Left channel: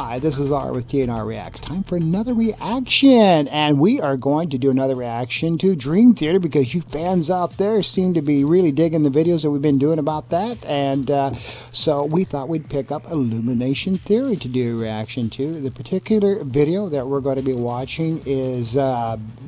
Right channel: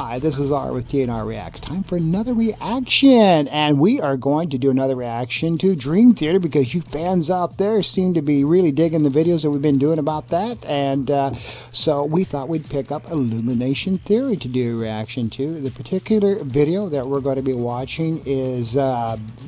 Hi, this is R with TNR Reacts. Time for another reaction, and we are going to do another reaction to Dream Theater because you fans out there seem to be really digging the videos that we've been doing about that, and so we thought we'd pick up Illumination Theory to do a reaction to. The particular video that we're going to be watching is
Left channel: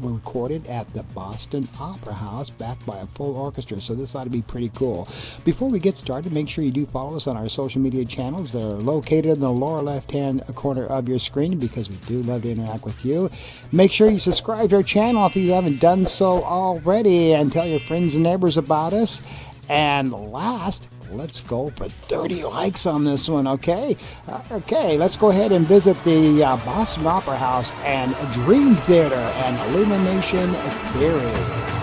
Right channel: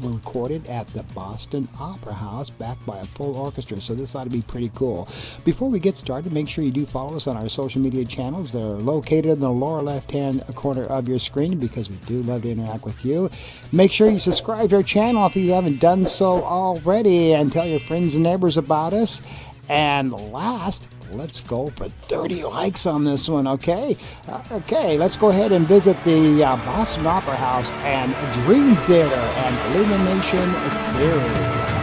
recorded at the Boston Opera House, backed by a full orchestra, so this ought to be pretty cool. Before we get started, make sure you do follow us on our social media channels. They're located in the lower left-hand corner of your screen because we do love to interact with you. Make sure you subscribe to our channel if you haven't done so already, and tell your friends and neighbors about us. And last, let's go for 30 likes on this one, okay? Okay, let's go ahead and visit the Boston Opera House and Dream Theater and Illumination Theory.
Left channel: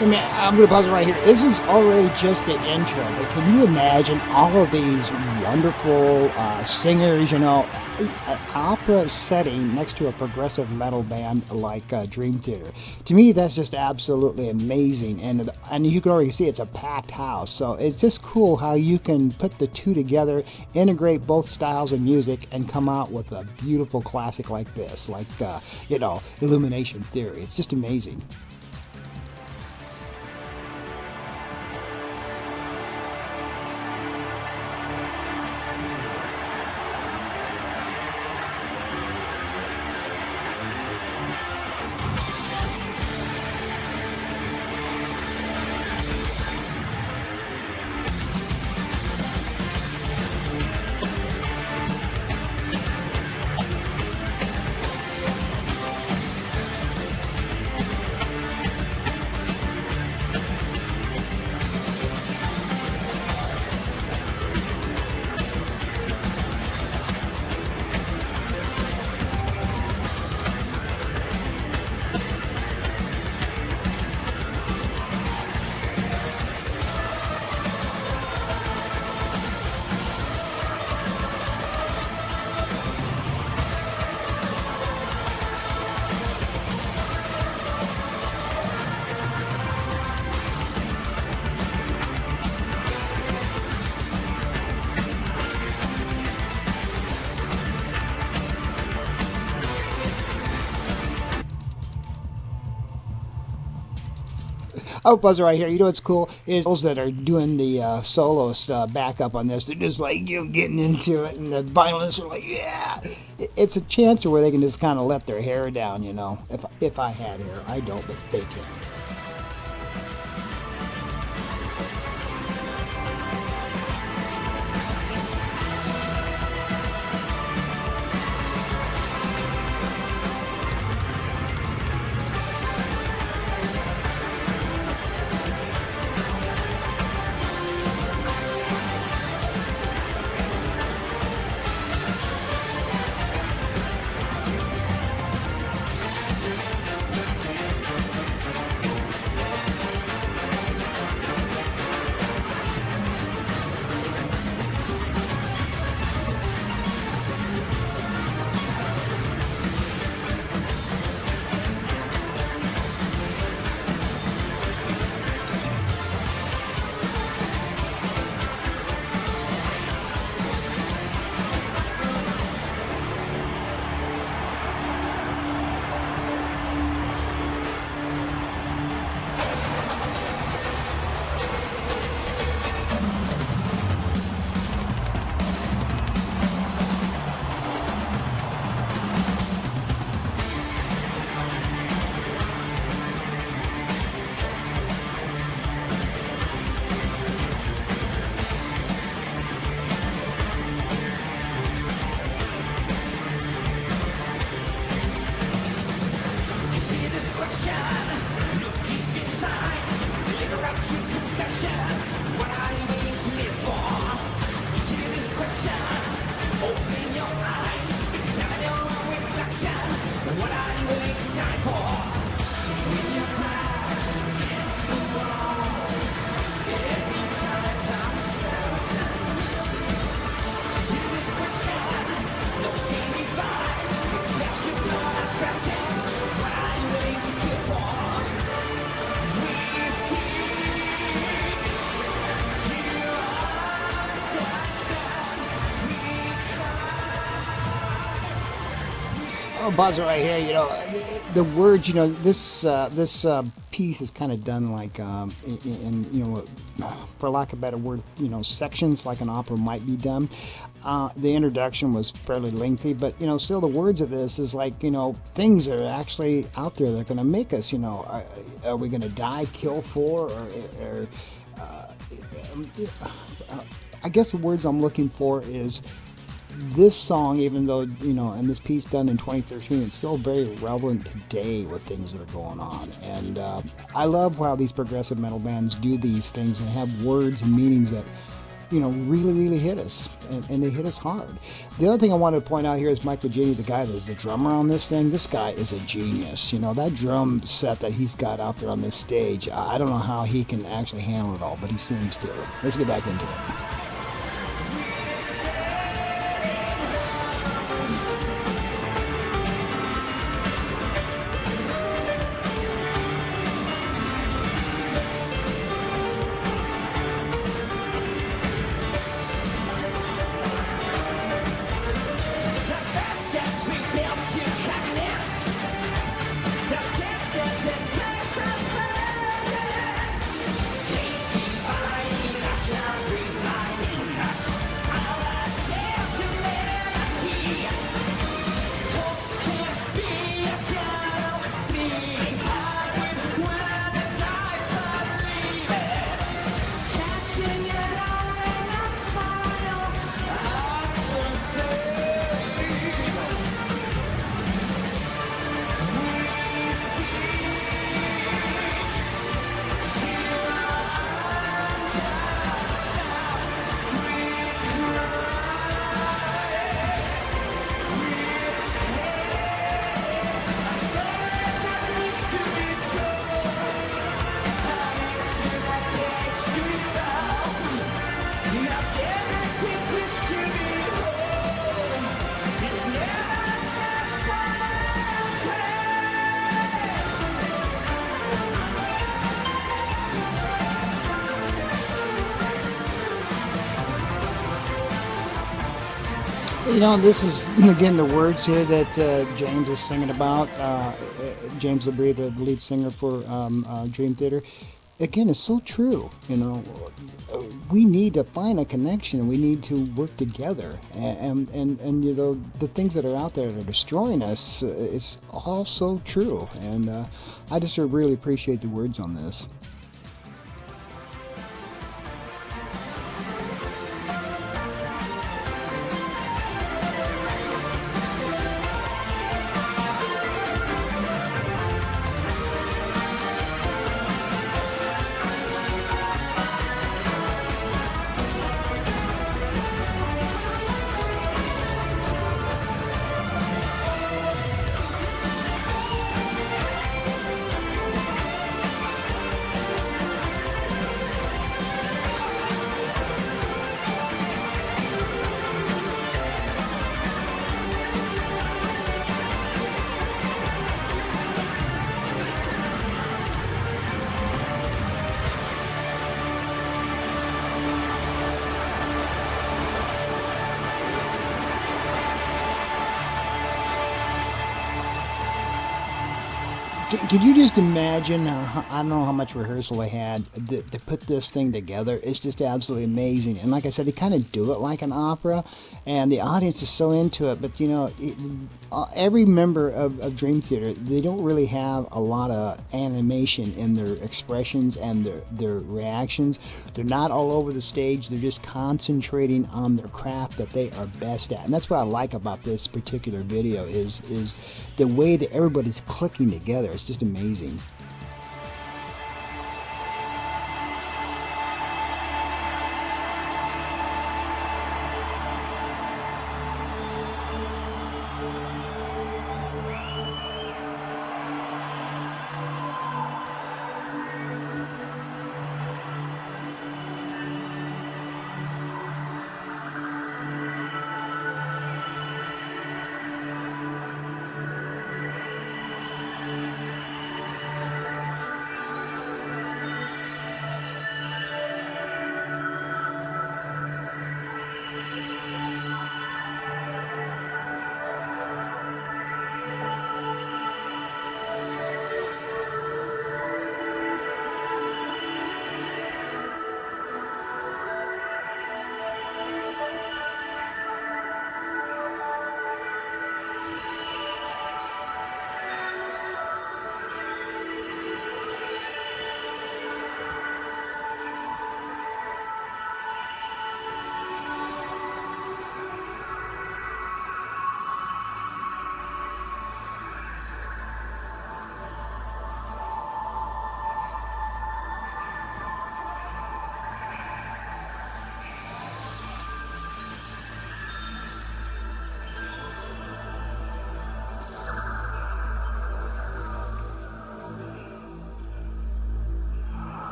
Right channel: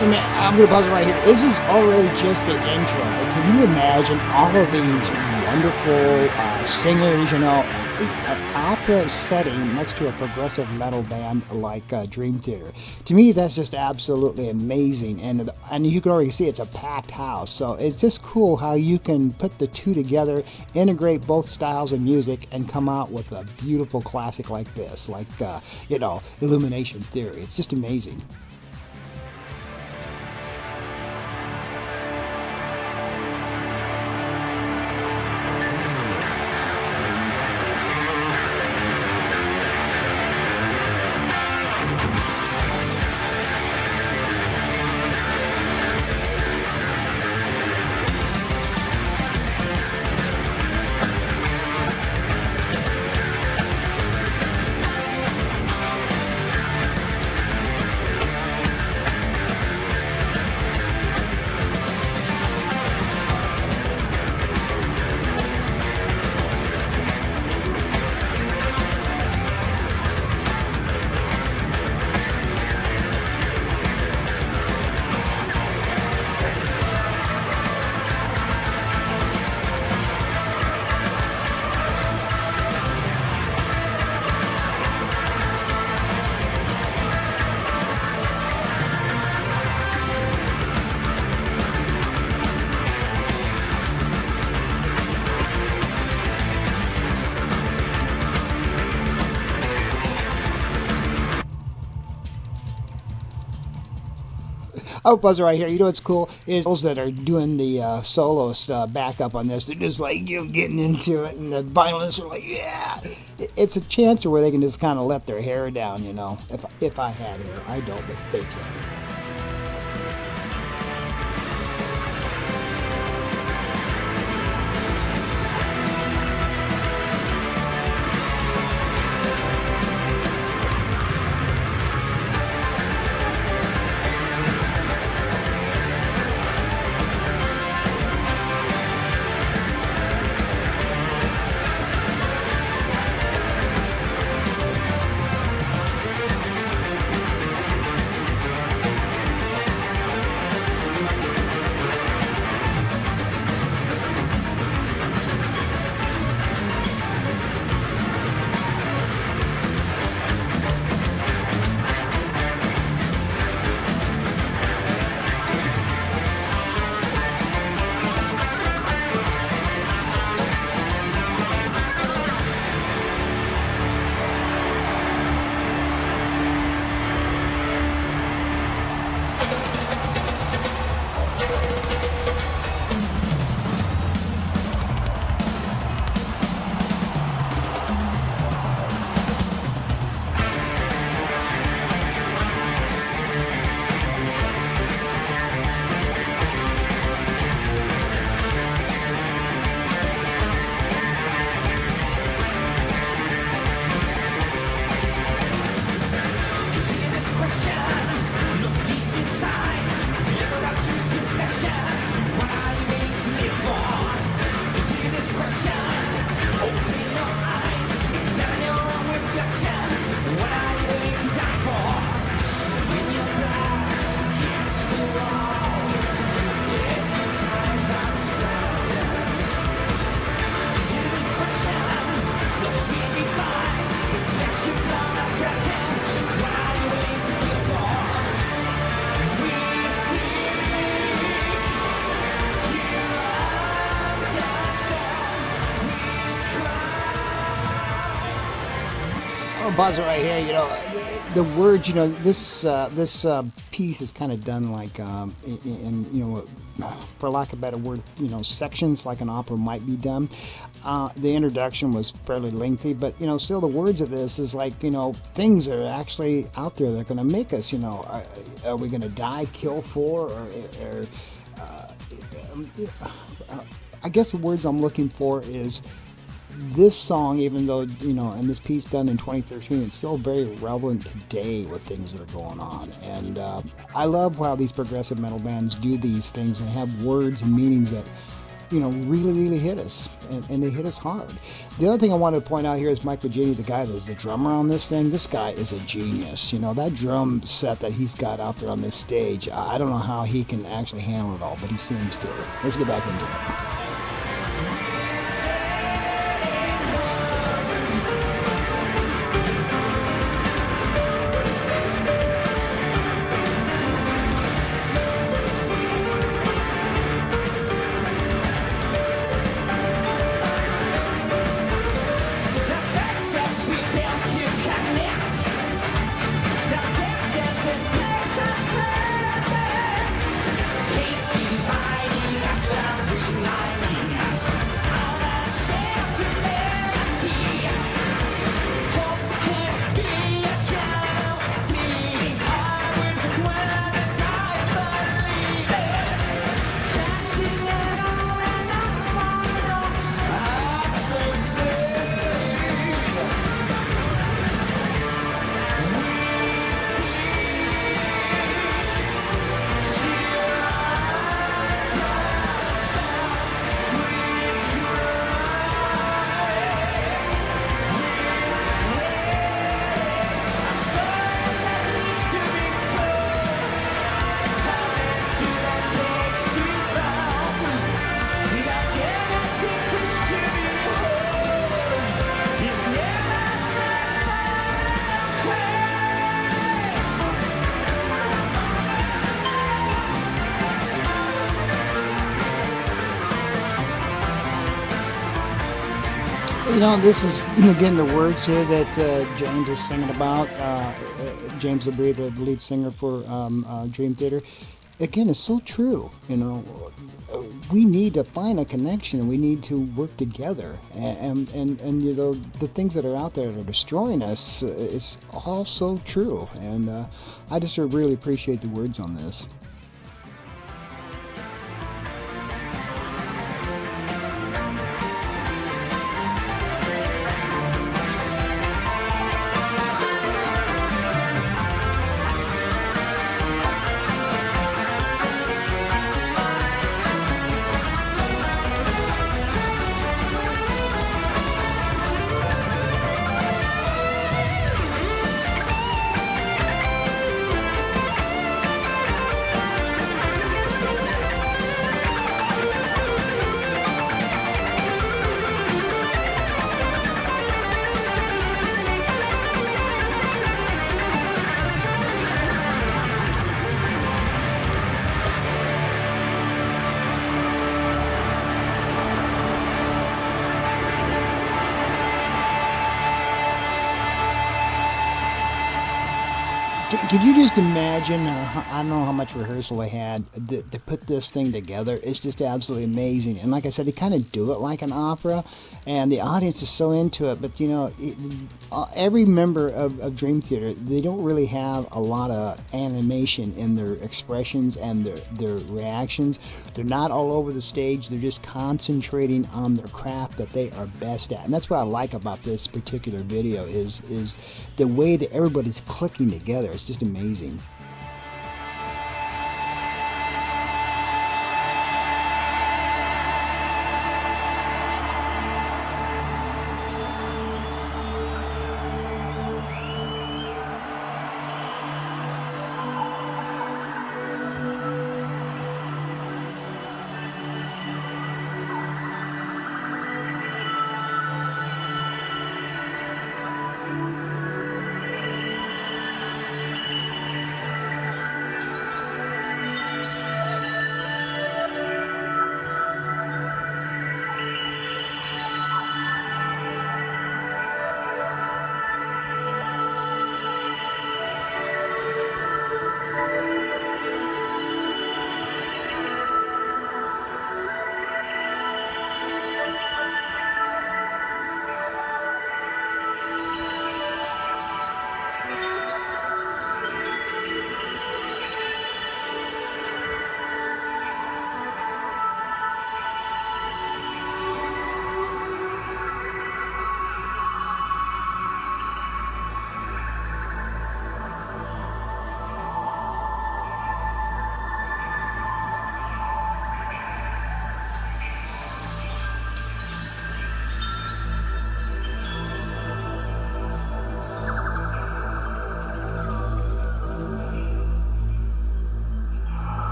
I'm going to pause it right here. This is already just the intro, but can you imagine all of these wonderful singers, you know, an opera setting next to a progressive metal band like Dream Theater? To me, that's just absolutely amazing, and you can already see it's a packed house, so it's just cool how you can put the two together, integrate both styles of music, and come out with a beautiful classic like this, like, you know, Illumination Theory. It's just amazing. Oh, buzzer right here. You know what's cool is those that are doing the soloist backup on this. They're just like, you know, getting into it, and the violins are like, yeah. It's a chance where they can just kind of let their hair down, you know. If I had hair, I don't, but they can. buzzer right here. You know, the words. You know, this piece is kind of done like in you know, for lack of a better word, you know, sections like an opera might be done. The introduction was fairly lengthy, but you know, still the words of this is like, you know, things are actually out there that are going to make us. You know, are we going to die, kill for, or I guess the words I'm looking for is this song, even though, you know, and this piece done in 2013, it's still very relevant today with things that are going on. And I love how these progressive metal bands do these things and have words and meanings that, you know, really, really hit us, and they hit us hard. The other thing I wanted to point out here is Mike Virginia, the guy that's the drummer on this thing. This guy is a genius. You know, that drum set that he's got out there on this stage, I don't know how he can actually handle it all, but he seems to. Let's get back into it. You know, this is, again, the words here that James is singing about. James LaBrie, the lead singer for Dream Theater. Again, it's so true. You know, we need to find a connection. We need to work together. And you know, the things that are out there that are destroying us, it's all so true. And I just really appreciate the words on this. Can you just imagine? I don't know how much rehearsal they had to put this thing together. It's just absolutely amazing. And like I said, they kind of do it like an opera, and the audience is so into it. But you know, every member of Dream Theater, they don't really have a lot of animation in their expressions and their reactions. They're not all over the stage. They're just concentrating on their craft that they are best at. And that's what I like about this particular video is the way that everybody's clicking together. It's just amazing.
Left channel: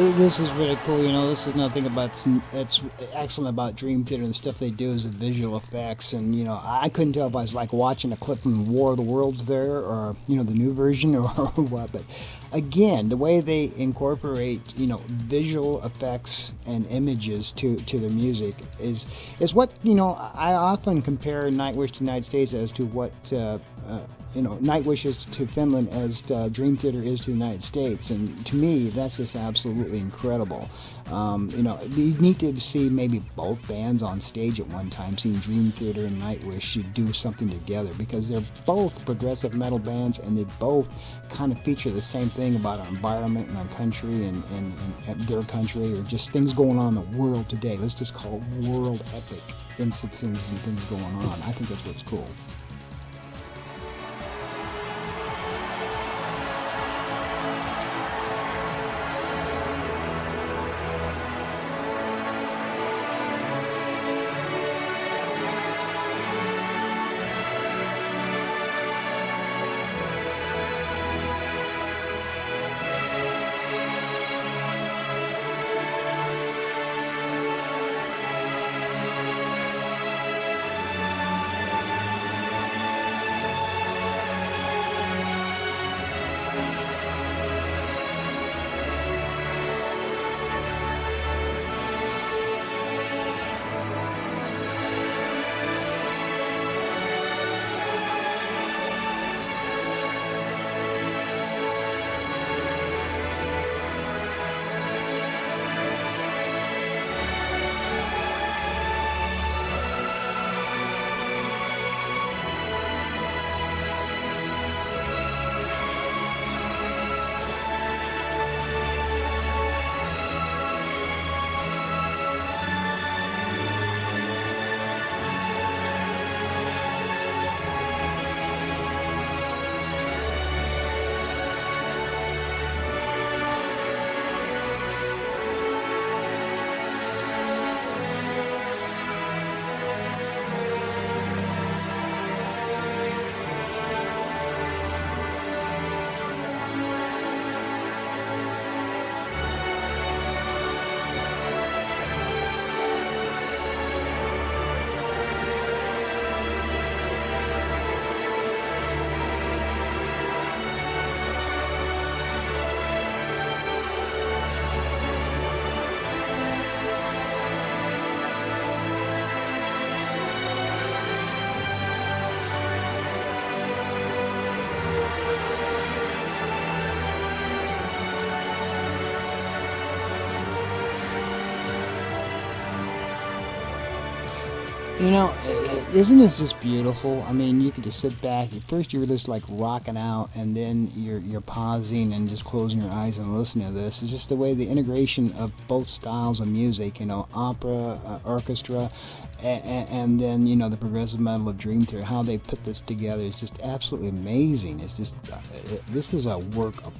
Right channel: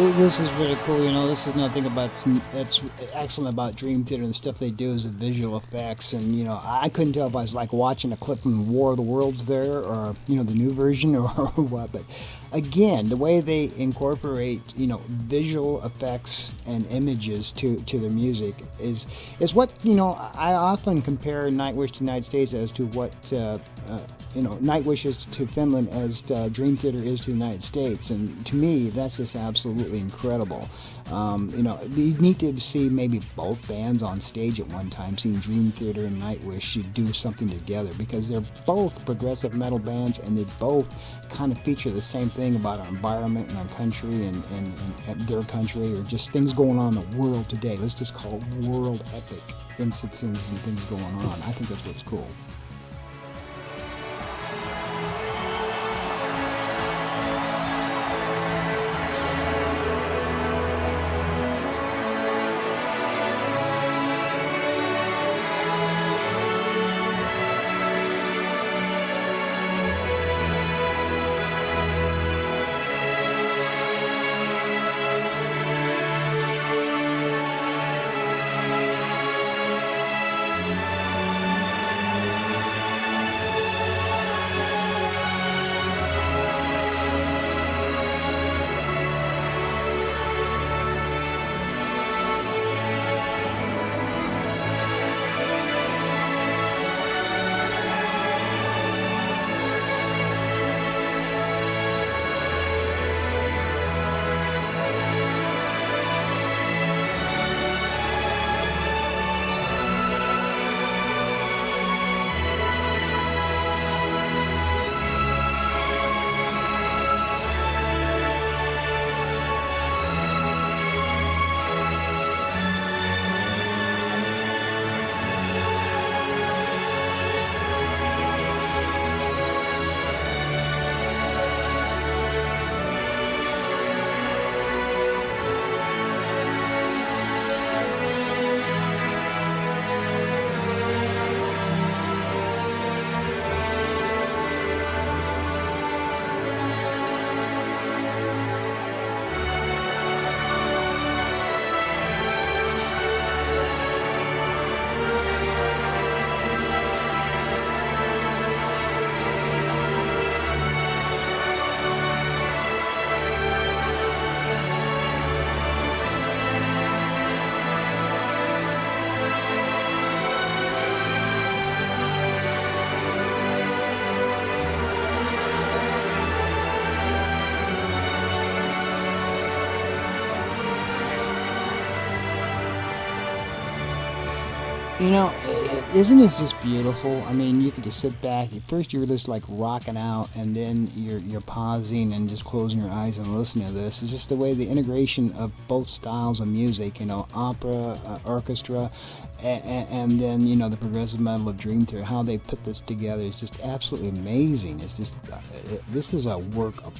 This is really cool. This is another thing that's excellent about Dream Theater and the stuff they do is the visual effects. And I couldn't tell if I was like watching a clip from War of the Worlds there, or the new version, or what. But again, the way they incorporate visual effects and images to their music is what I often compare Nightwish to the United States as to what. Nightwish is to Finland as Dream Theater is to the United States, and to me, that's just absolutely incredible. You need to see maybe both bands on stage at one time, seeing Dream Theater and Nightwish should do something together, because they're both progressive metal bands, and they both kind of feature the same thing about our environment and our country and their country, or just things going on in the world today. Let's just call it world epic instances and things going on. I think that's what's cool. Isn't this just beautiful? I mean, you could just sit back. At first, you were just like rocking out, and then you're pausing and just closing your eyes and listening to this. It's just the way the integration of both styles of music, opera, orchestra, and then the progressive metal of Dream Theater. How they put this together is just absolutely amazing. It's just this is a work of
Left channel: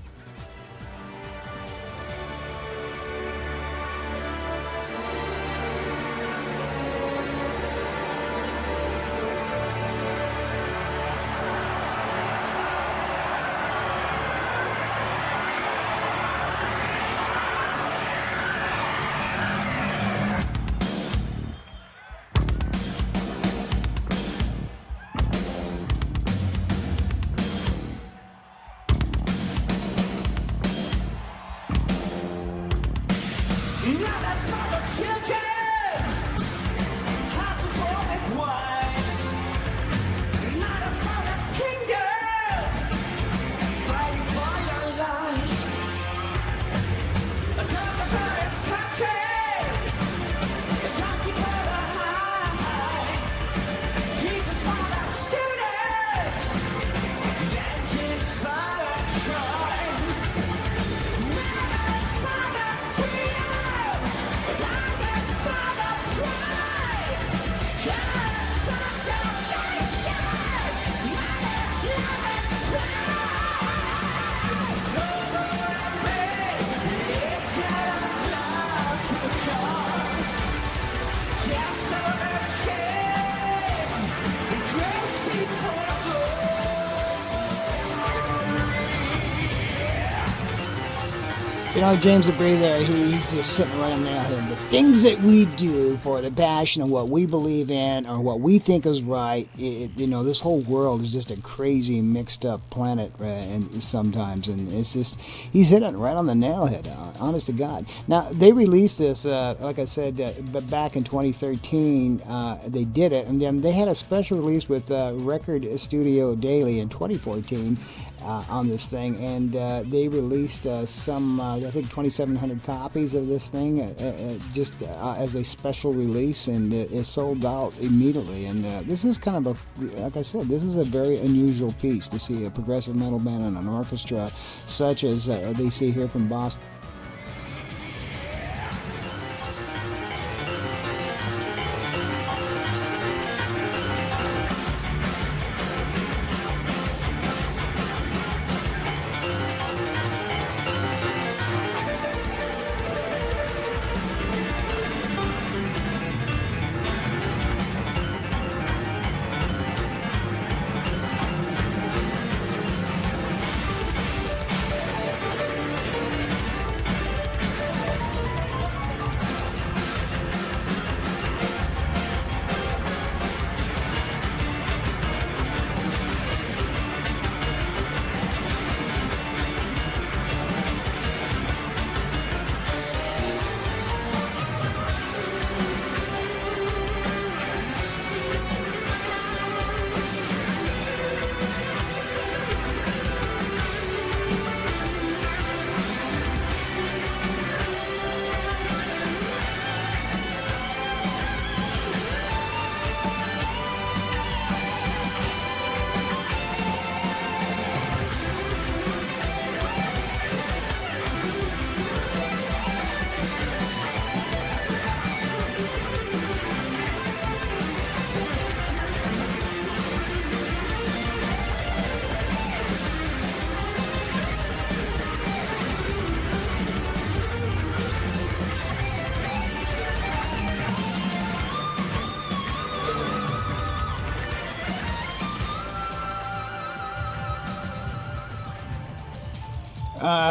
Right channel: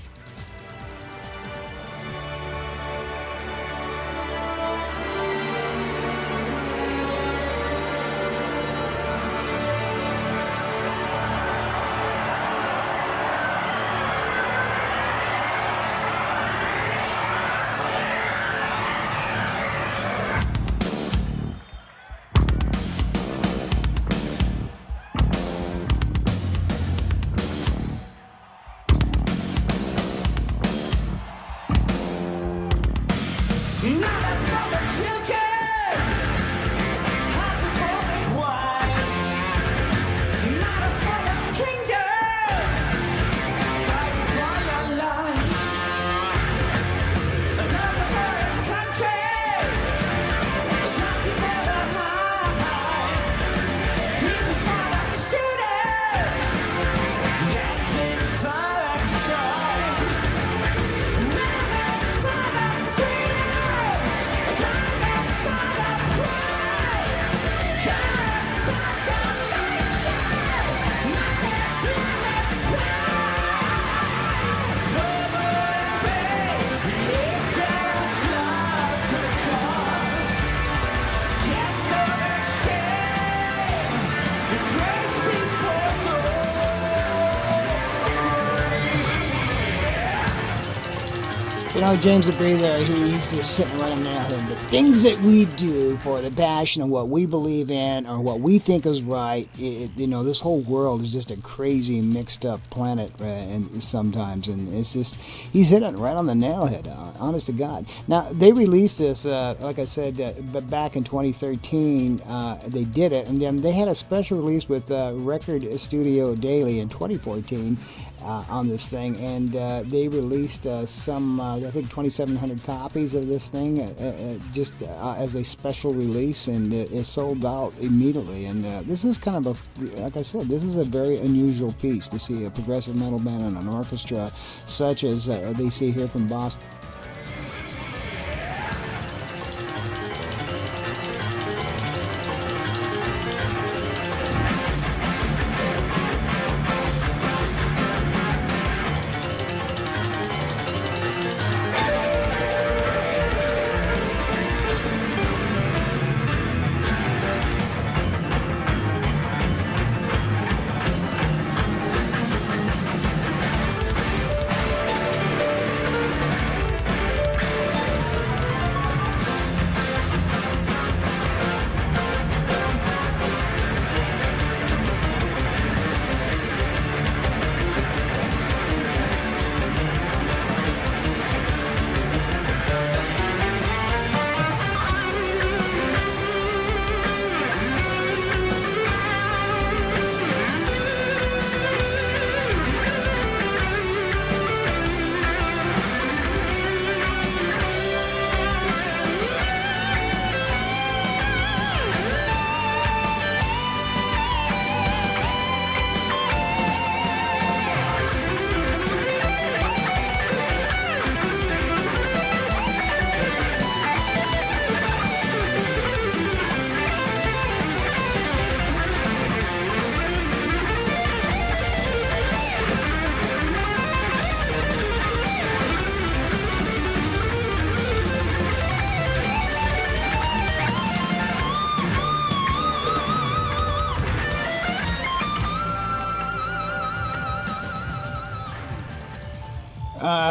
You know, James LeBrie there, he's just sitting right on there. The things that we do for the passion of what we believe in or what we think is right, you know, this whole world is just a crazy mixed up planet and sometimes. And it's just, he's hitting it right on the nail head, honest to God. Now, they released this, like I said, back in 2013. They did it. And then they had a special release with Record Studio Daily in 2014. On this thing, and they released some, I think, 2,700 copies of this thing just as a special release, and it sold out immediately. And this is kind of a, like I said, this is a very unusual piece to see a progressive metal band and an orchestra such as they see here from Boston.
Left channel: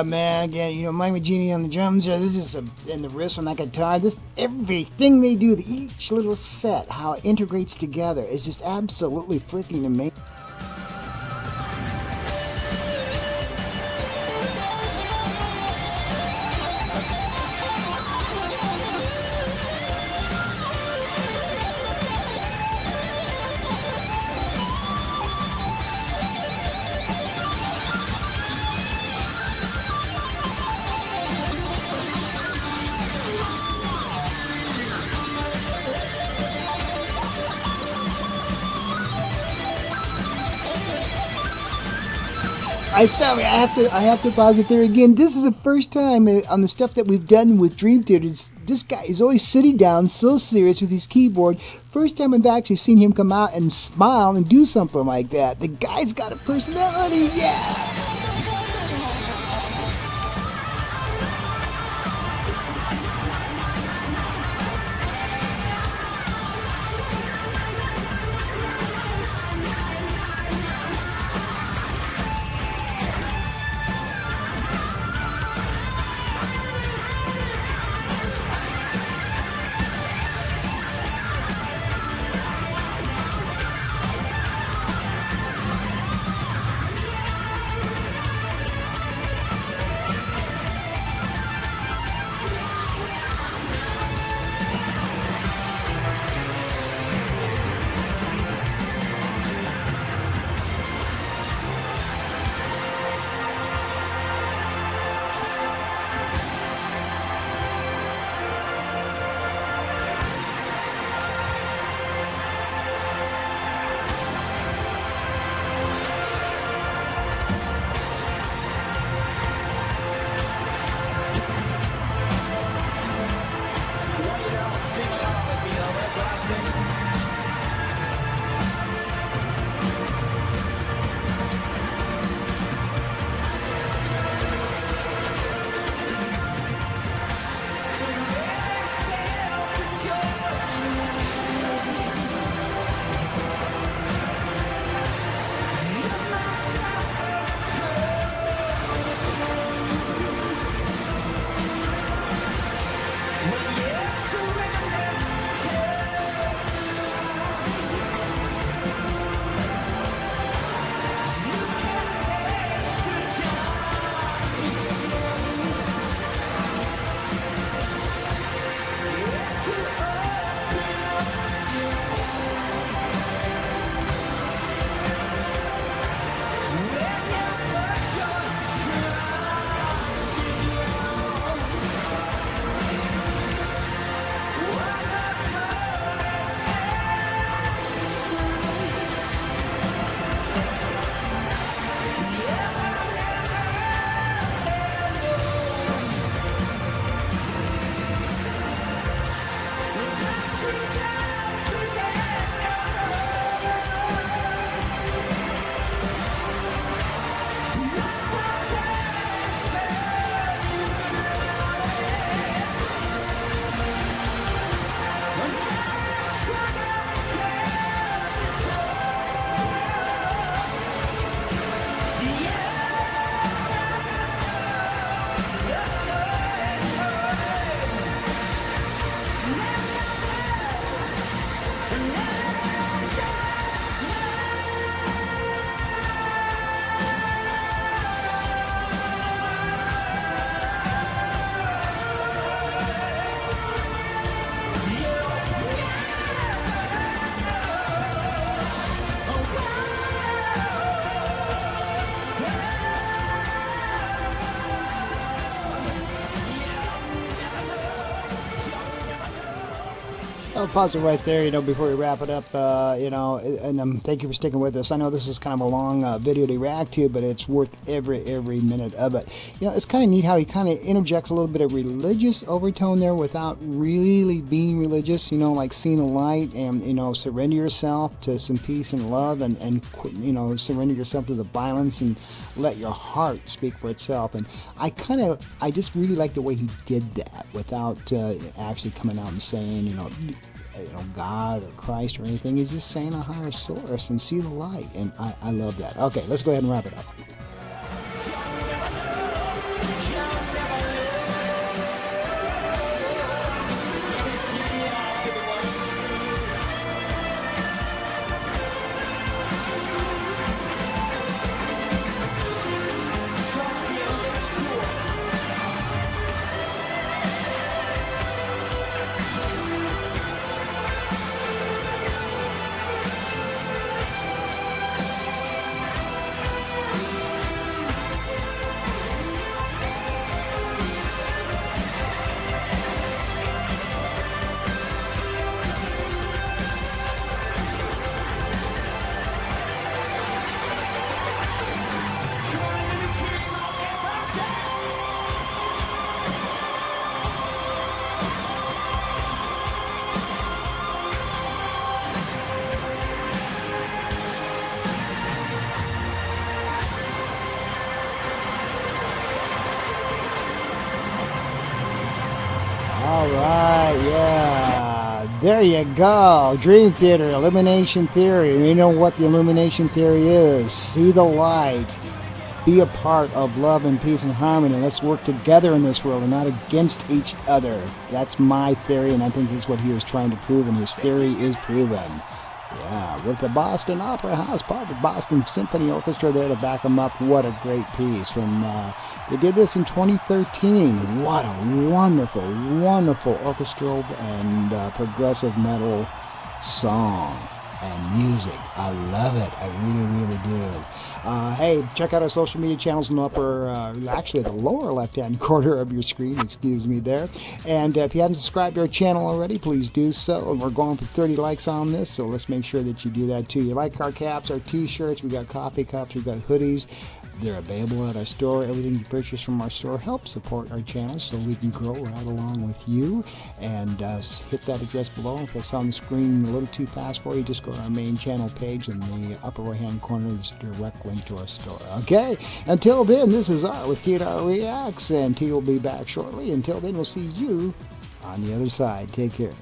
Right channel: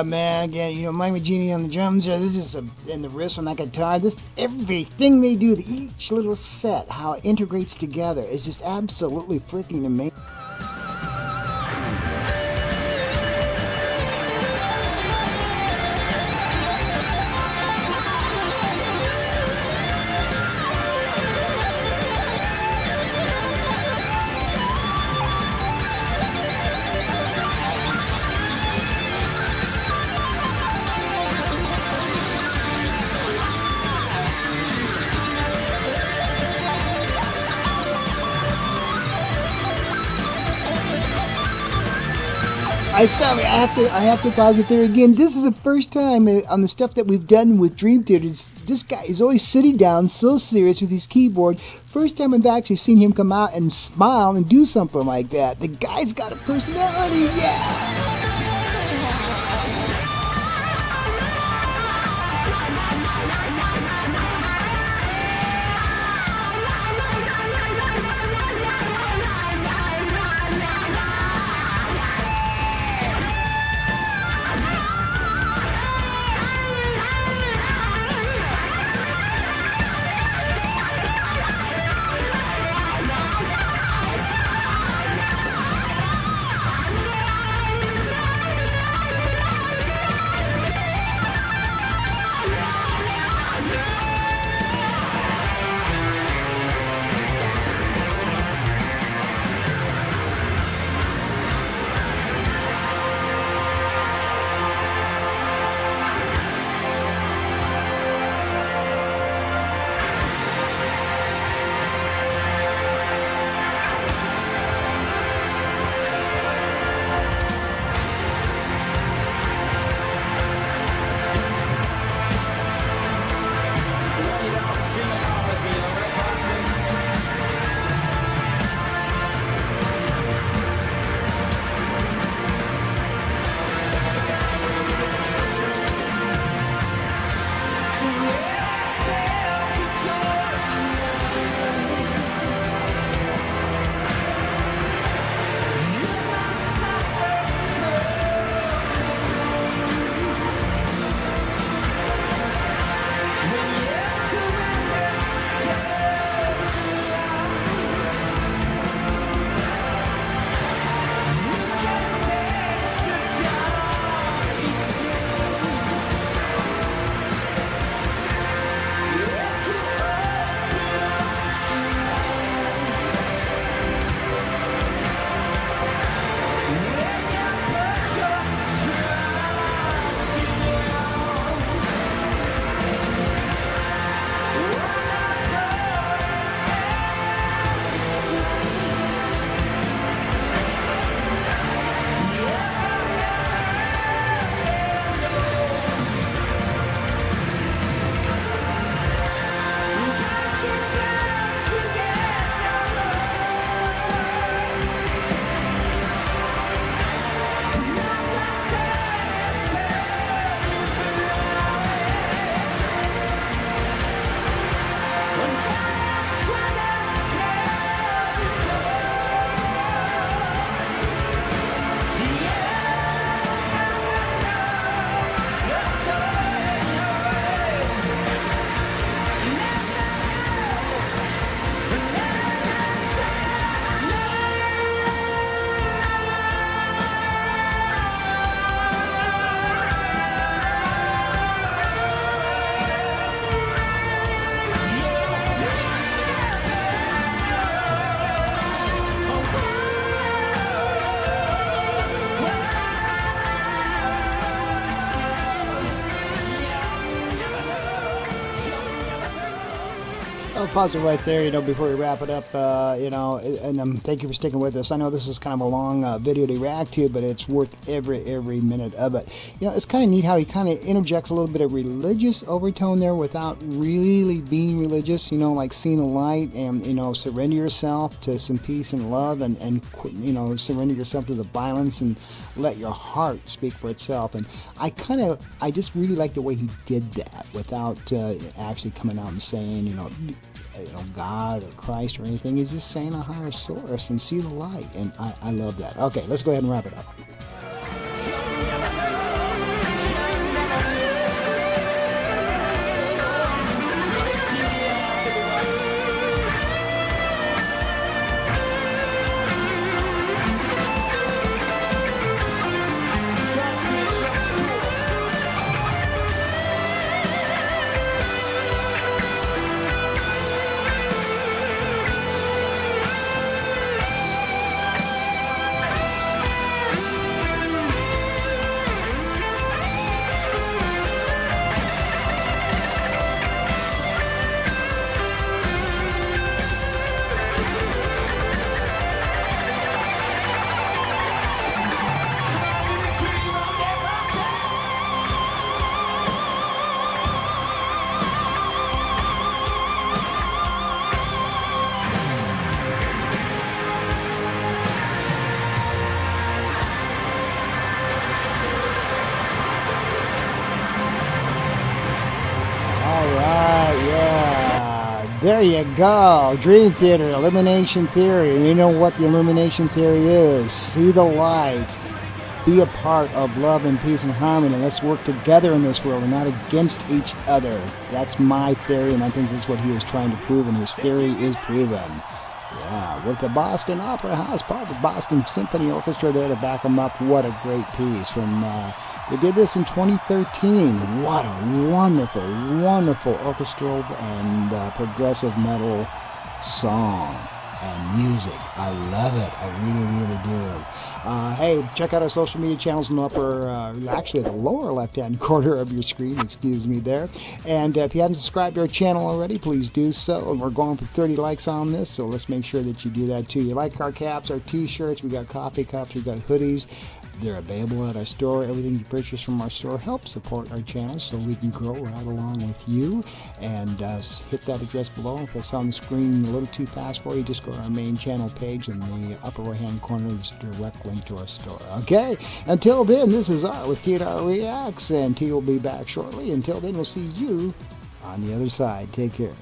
Man, again, you know, Mike McGeaney on the drums there. This is and the riffs on that guitar. This everything they do, each little set, how it integrates together, is just absolutely freaking amazing. I have to pause it there again. This is the first time on the stuff that we've done with Dream Theater. This guy is always sitting down, so serious with his keyboard. First time I've actually seen him come out and smile and do something like that. The guy's got a personality, yeah. I'll pause it right there, before we wrap it up, and thank you for sticking with us. I know this is kind of a long video to react to, but it's worth every minute of it. It's kind of neat how he kind of interjects a little bit of religious overtone there without really being religious, like seeing the light and, surrender yourself to some peace and love and surrender yourself to the violence and let your heart speak for itself. And I just really like the way he did that without actually coming out and saying, God or Christ or anything. He's just saying a higher source and see the light. And I love that. Okay, let's go ahead and wrap it up. All right, yeah, there you go. Dream Theater, Illumination Theory. And you know what the Illumination Theory is. See the light. Be a part of love and peace and harmony. Let's work together in this world and not against each other. That's my theory, and I think this is what he was trying to prove, and his theory is proven. Yeah, with the Boston Opera House, part of the Boston Symphony Orchestra there to back them up. What a great piece. They did this in 2013. What a wonderful orchestral and progressive metal song and music. I love it. I really do. Hey, check out our social media channels in the actually the lower left-hand corner of your screen, excuse me there. And if you haven't subscribed to our channel already, please do so. And we're going for 30 likes on this, so let's make sure that you do that too. You like our caps, our t-shirts, we got coffee cups, we got hoodies. They're available at our store. Everything you purchase from our store helps support our channel so we can grow right along with you. And hit that address below. If it's on the screen a little too fast for you, just go to our main channel page in the upper right hand corner. There's a direct link to our store. Okay, until then, this is Art with Treacts, and T will be back shortly. Until then, we'll see you on the other side. Take care.